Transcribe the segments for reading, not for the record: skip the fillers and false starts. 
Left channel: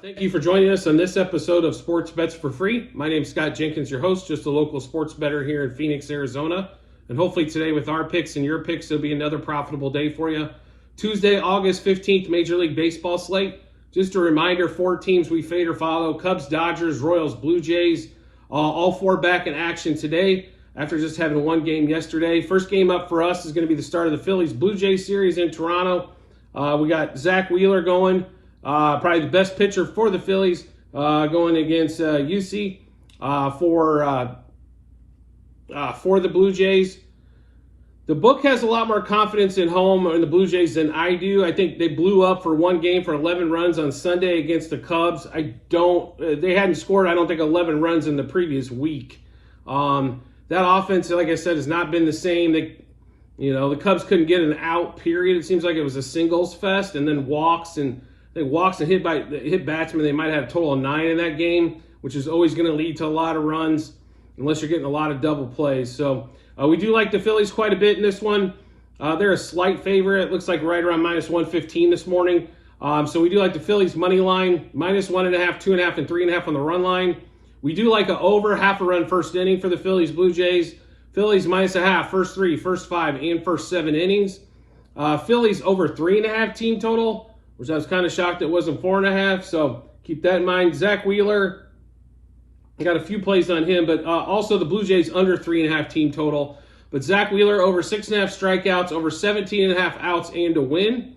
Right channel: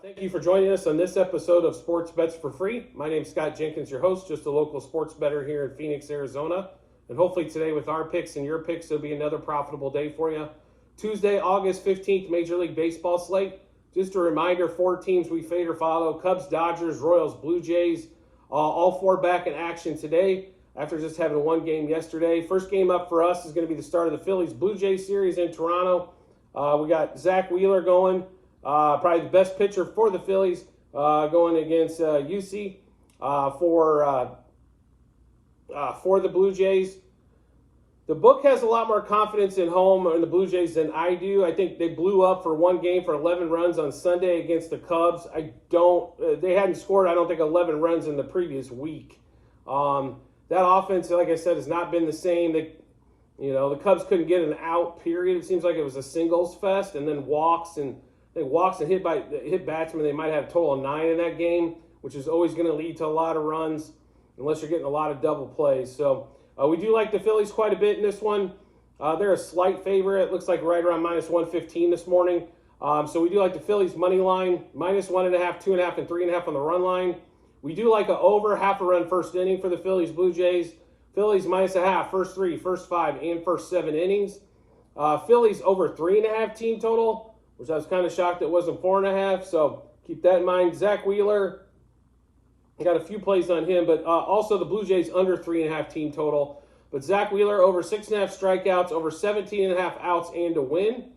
Thank you for joining us on this episode of Sports Bets for Free. My name is Scott Jenkins, your host, just a local sports bettor here in Phoenix, Arizona. And hopefully today with our picks and your picks, it'll be another profitable day for you. Tuesday, August 15th, Major League Baseball slate. Just a reminder, 4 teams we fade or follow: Cubs, Dodgers, Royals, Blue Jays. All 4 back in action today after just having one game yesterday. First game up for us is going to be the start of the Phillies Blue Jays series in Toronto. We got Zach Wheeler going. Probably the best pitcher for the Phillies, going against UC for the Blue Jays. The book has a lot more confidence in home in the Blue Jays than I do. I think they blew up for one game for 11 runs on Sunday against the Cubs. They hadn't scored, I don't think, 11 runs in the previous week. That offense, like I said, has not been the same. The Cubs couldn't get an out, period. It seems like it was a singles fest, and then walks and hit batsmen. They might have a total of 9 in that game, which is always going to lead to a lot of runs unless you're getting a lot of double plays. So we do like the Phillies quite a bit in this one. They're a slight favorite. It looks like right around minus 115 this morning. So we do like the Phillies money line, minus 1.5, 2.5, and 3.5 on the run line. We do like an over half a run first inning for the Phillies Blue Jays. Phillies minus a half, first 3, first 5, and first 7 innings. Phillies over 3.5 team total, which I was kind of shocked it wasn't 4.5. So keep that in mind. Zach Wheeler, I got a few plays on him, but also the Blue Jays under 3.5 team total. But Zach Wheeler over 6.5 strikeouts, over 17.5 outs, and a win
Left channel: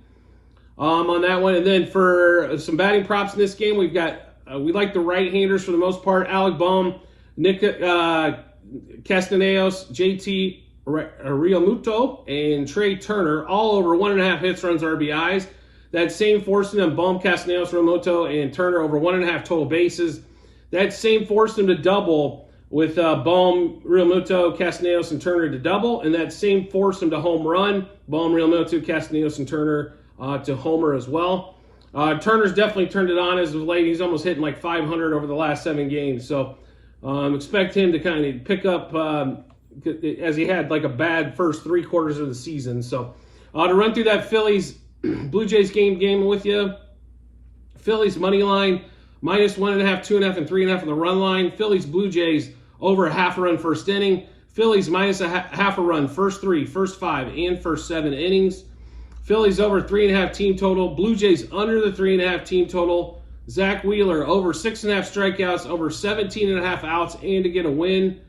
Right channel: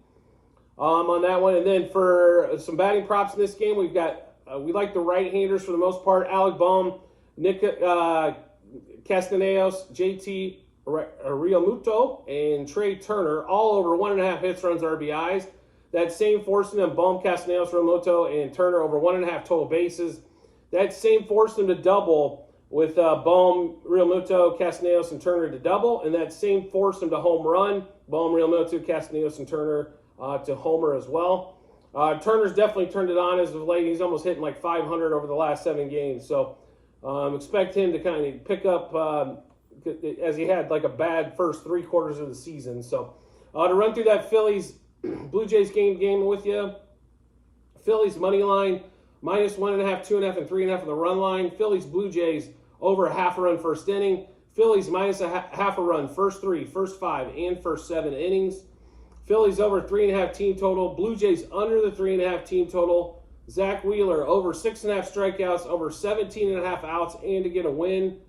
on that one. And then for some batting props in this game, we like the right-handers for the most part. Alec Bohm, Nick Castellanos, JT Realmuto, and Trey Turner, all over 1.5 hits, runs, RBIs. That same forced them, Bohm, Castellanos, Realmuto, and Turner over 1.5 total bases. That same forced them to double with Bohm, Realmuto, Castellanos, and Turner to double. And that same forced them to home run, Bohm, Realmuto, Castellanos, and Turner to homer as well. Turner's definitely turned it on as of late. He's almost hitting like 500 over the last 7 games. So expect him to kind of pick up as he had like a bad first 3 quarters of the season. So to run through that Phillies Blue Jays game with you. Phillies money line, minus 1.5, 2.5, and 3.5 on the run line. Phillies Blue Jays over a half a run first inning. Phillies minus a half a run first 3, first 5, and first 7 innings. Phillies over 3.5 team total. Blue Jays under the 3.5 team total. Zach Wheeler over 6.5 strikeouts, over 17.5 outs, and to get a win.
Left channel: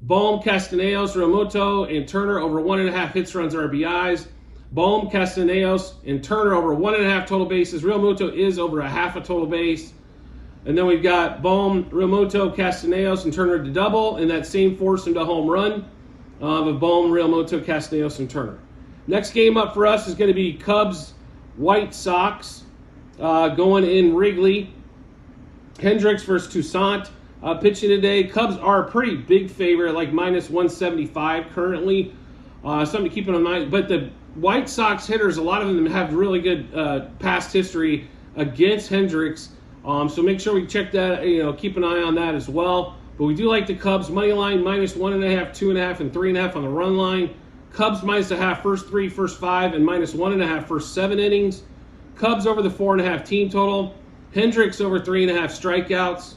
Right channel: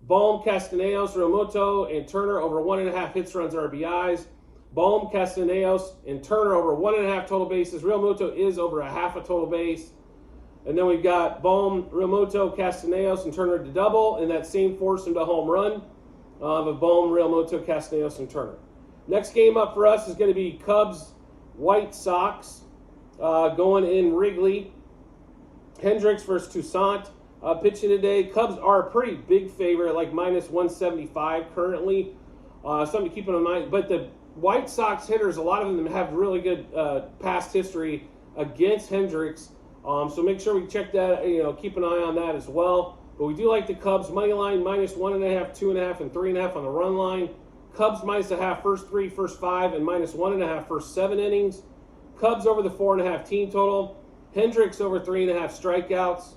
Bohm, Castellanos, Realmuto, and Turner over 1.5 hits, runs, RBIs. Bohm, Castellanos, and Turner over 1.5 total bases. Realmuto is over a half a total base. And then we've got Bohm, Realmuto, Castellanos, and Turner to double, and that same forced him to home run of Bohm, Realmuto, Castellanos, and Turner. Next game up for us is going to be Cubs, White Sox, going in Wrigley. Hendricks versus Toussaint pitching today. Cubs are a pretty big favorite, like minus 175 currently. Something to keep in mind. But the White Sox hitters, a lot of them have really good past history against Hendricks. So make sure we check that, keep an eye on that as well. But we do like the Cubs money line, minus 1.5, 2.5, and 3.5 on the run line. Cubs minus a half, first 3, first 5, and minus 1.5, first 7 innings. Cubs over the 4.5 team total. Hendricks over 3.5 strikeouts.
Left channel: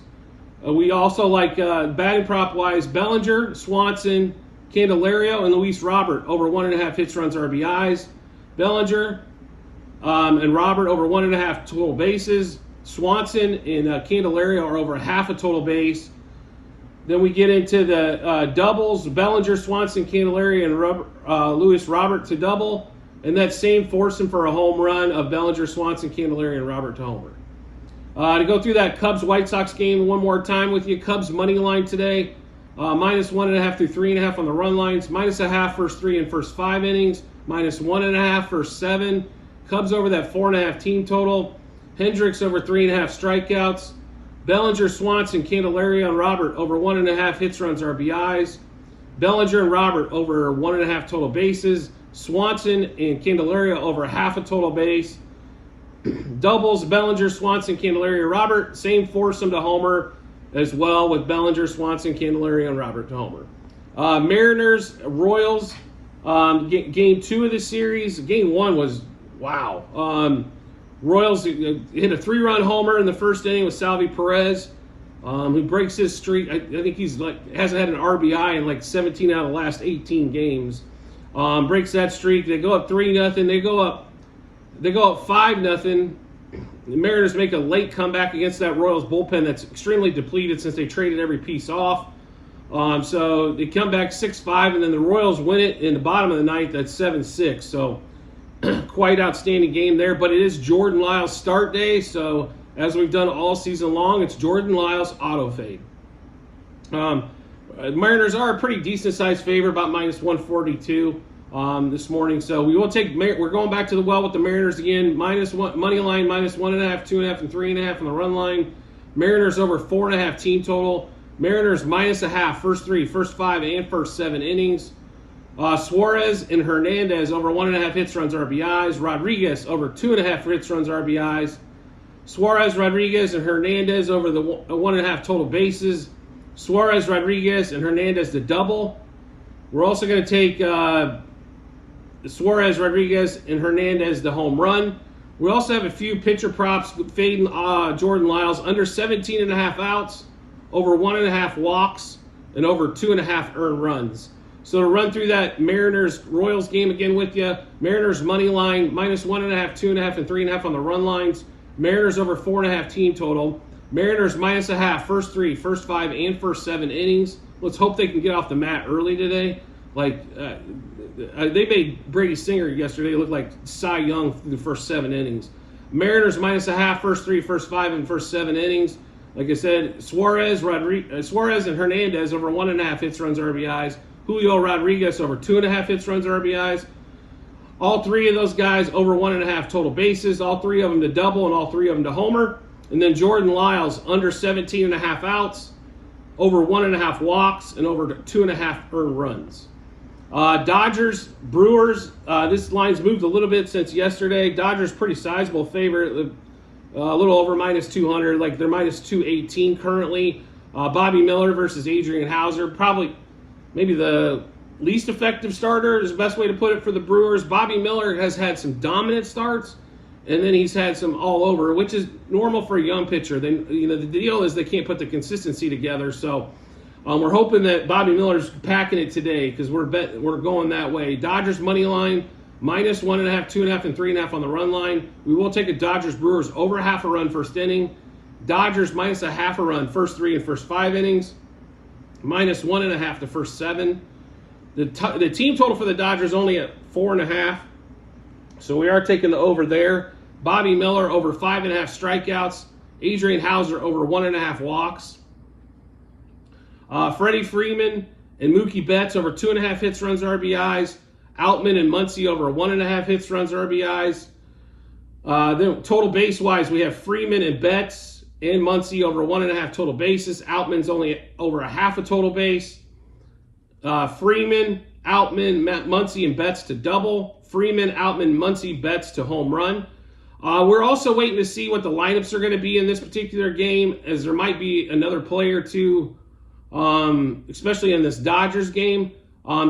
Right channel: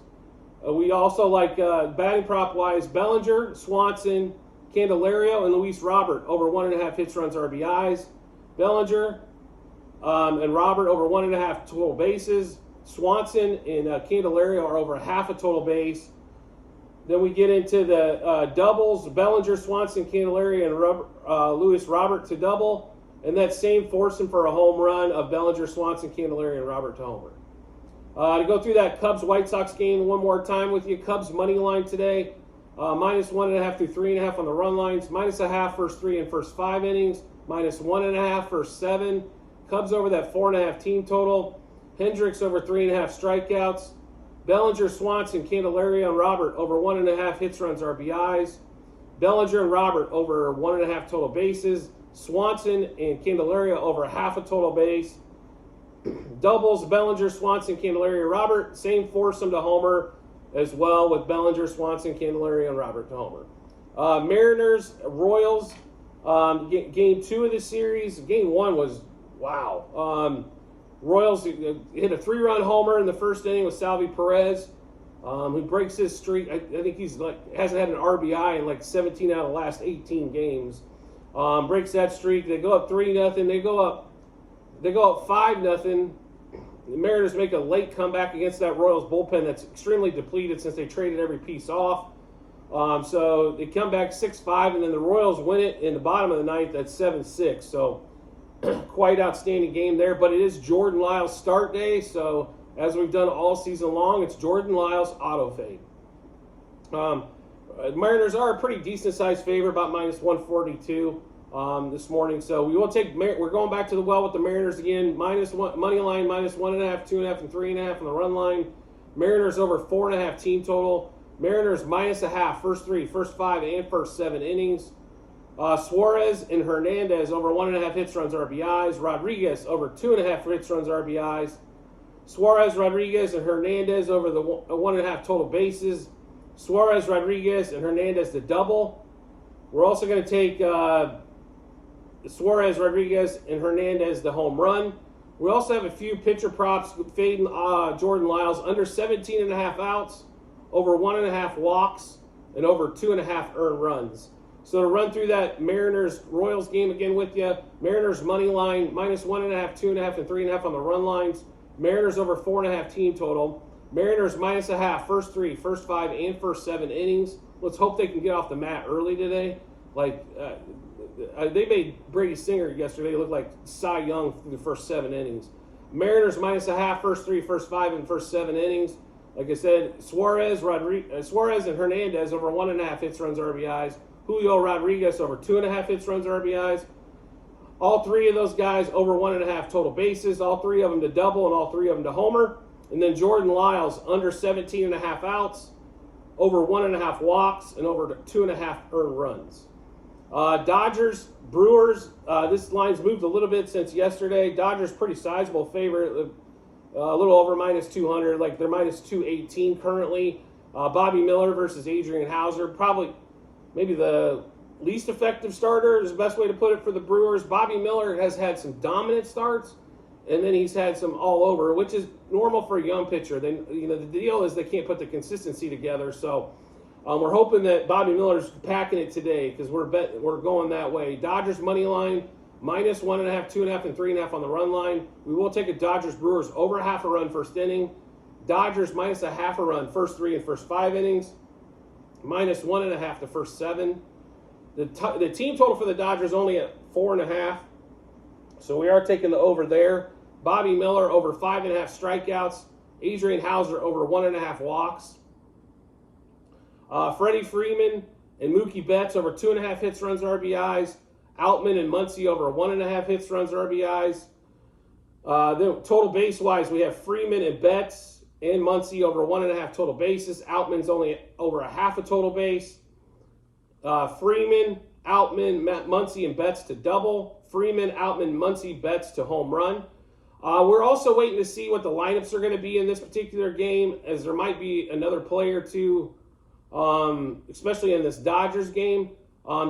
We also like batting prop wise, Bellinger, Swanson, Candelario, and Luis Robert over 1.5 hits, runs, RBIs. Bellinger and Robert over 1.5 total bases. Swanson and Candelario are over half a total base. Then we get into the doubles: Bellinger, Swanson, Candelario, and Luis Robert to double. And that same forced him for a home run of Bellinger, Swanson, Candelario, and Robert to homer. To go through that Cubs-White Sox game one more time with you, Cubs money line today, minus 1.5 through 3.5 on the run lines, minus a half first 3 and first 5 innings, minus 1.5 first 7. Cubs over that 4.5 team total. Hendricks over 3.5 strikeouts. Bellinger, Swanson, Candelario, and Robert over 1.5 hits, runs, RBIs. Bellinger and Robert over 1.5 total bases. Swanson and Candelario over half a total base. Doubles: Bellinger, Swanson, Candelario, Robert. Same foursome to homer as well, with Bellinger, Swanson, Candelario, and Robert to homer. Mariners, Royals, game 2 of the series. Game 1 was wow. Royals hit a 3-run homer in the first inning with Salvi Perez, who breaks his streak. I think he's hasn't had an RBI in like 17 out of the last 18 games. Breaks that streak. They go up 3-0. They go up 5-0. The Mariners make a late comeback against that Royals bullpen that's extremely depleted since they traded every piece off. So they come back 6-5, and then the Royals win it in the bottom of the ninth at 7-6. So quite outstanding game there. But it is Jordan Lyles' start day, so as we've done all season long, it's Jordan Lyles auto fade. Mariners are a pretty decent-sized favorite, about -142 this morning. So we will take. We're going back to the well with the Mariners again. -1 money line, -1.5, 2.5, and 3.5 on the run line. Mariners over 4.5 team total. Mariners -0.5 first 5, and first 7 innings. Suarez and Hernandez over 1.5 hits, runs, RBIs. Rodriguez over 2.5 hits, runs, RBIs. Suarez, Rodriguez, and Hernandez over the 1.5 total bases. Suarez, Rodriguez, and Hernandez the double. We're also going to take Suarez, Rodriguez, and Hernandez the home run. We also have a few pitcher props fading Jordan Lyles under 17.5 outs, over 1.5 walks, and over 2.5 earned runs. So to run through that Mariners-Royals game again with you, Mariners money line, -1.5, 2.5, and 3.5 on the run lines. Mariners over 4.5 team total. Mariners -0.5 first 3, first 5, and first 7 innings. Let's hope they can get off the mat early today. They made Brady Singer yesterday look like Cy Young through the first 7 innings. Mariners -0.5 first 3, first 5, and first 7 innings. Like I said, Suarez and Hernandez over 1.5 hits, runs, RBIs. Julio Rodriguez over 2.5 hits, runs, RBIs. All 3 of those guys over 1.5 total bases. All 3 of them to double, and all 3 of them to homer. And then Jordan Lyles under 17.5 outs, over 1.5 walks, and over 2.5 earned runs. Dodgers, Brewers. This line's moved a little bit since yesterday. Dodgers pretty sizable favorite, a little over -200. Like they're -218 currently. Bobby Miller versus Adrian Hauser. Probably, maybe the least effective starter is the best way to put it for the Brewers. Bobby Miller has had some dominant starts, and then he's had some all over, which is normal for a young pitcher. The deal is they can't put the consistency together. So we're hoping that Bobby Miller's packing it today because we're going that way. Dodgers money line, -1.5, 2.5, and 3.5 on the run line. We will take a Dodgers Brewers over 1/2 a run first inning. Dodgers -0.5 a run first 3 and first 5 innings. -1.5 the first 7. The team total for the Dodgers only at 4.5. So we are taking the over there. Bobby Miller over 5.5 strikeouts. Adrian Hauser over 1.5 walks. Freddie Freeman and Mookie Betts over 2.5 hits, runs, RBIs. Outman and Muncy over 1.5 hits, runs, RBIs. Then total base-wise, we have Freeman and Betts and Muncy over 1.5 total bases. Outman's only over 1/2 a total base. Freeman, Outman, Muncy, and Betts to double. Freeman, Outman, Muncy, Betts to home run. We're also waiting to see what the lineups are going to be in this particular game, as there might be another player or two, especially in this Dodgers game.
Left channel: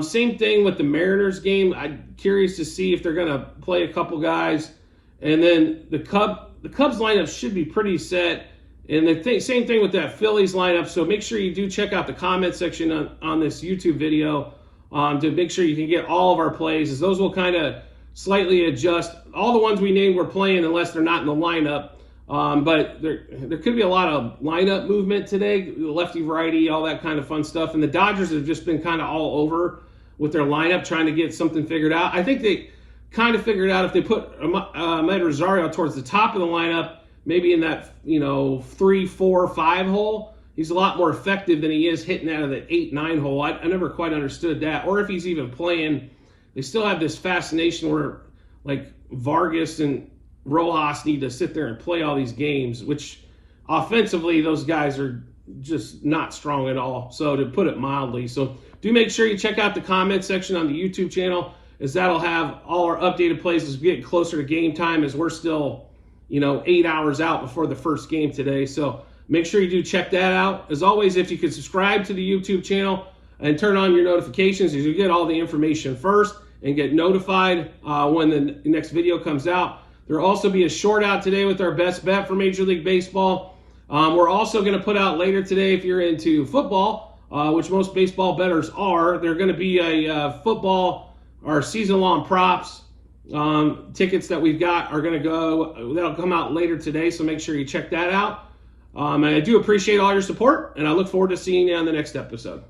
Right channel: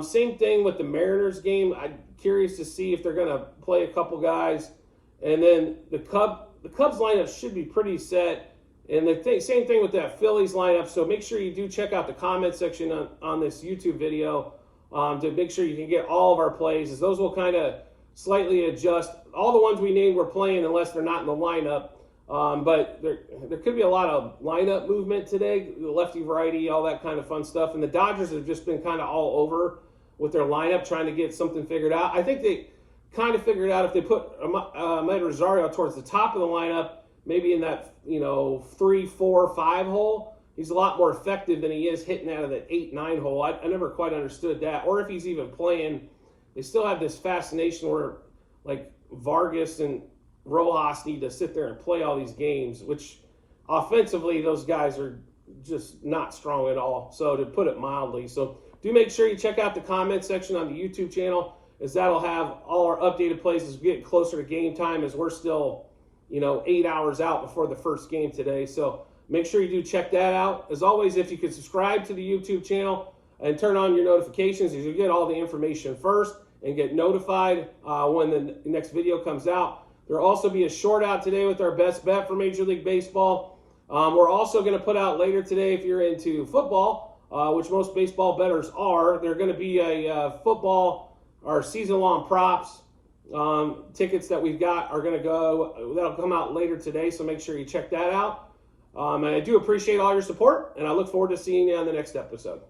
Same thing with the Mariners game. I'm curious to see if they're going to play a couple guys. And then the Cubs lineup should be pretty set. And same thing with that Phillies lineup. So make sure you do check out the comment section on this YouTube video to make sure you can get all of our plays, as those will kind of slightly adjust. All the ones we named we're playing unless they're not in the lineup. But there could be a lot of lineup movement today, lefty, righty, all that kind of fun stuff. And the Dodgers have just been kind of all over with their lineup, trying to get something figured out. I think they kind of figured out if they put Ahmed Rosario towards the top of the lineup, maybe in that 3, 4, 5 hole, he's a lot more effective than he is hitting out of the 8, 9 hole. I never quite understood that. Or if he's even playing, they still have this fascination where like Vargas and Rojas need to sit there and play all these games, which offensively those guys are just not strong at all. So to put it mildly, so do make sure you check out the comment section on the YouTube channel, as that'll have all our updated plays as we get closer to game time, as we're still 8 hours out before the first game today. So make sure you do check that out. As always, if you could subscribe to the YouTube channel and turn on your notifications, as you get all the information first and get notified when the next video comes out. There'll also be a short out today with our best bet for Major League Baseball. We're also going to put out later today, if you're into football, which most baseball bettors are, they're going to be a football or season-long props. Tickets that we've got are going to go, that'll come out later today, so make sure you check that out. And I do appreciate all your support, and I look forward to seeing you on the next episode.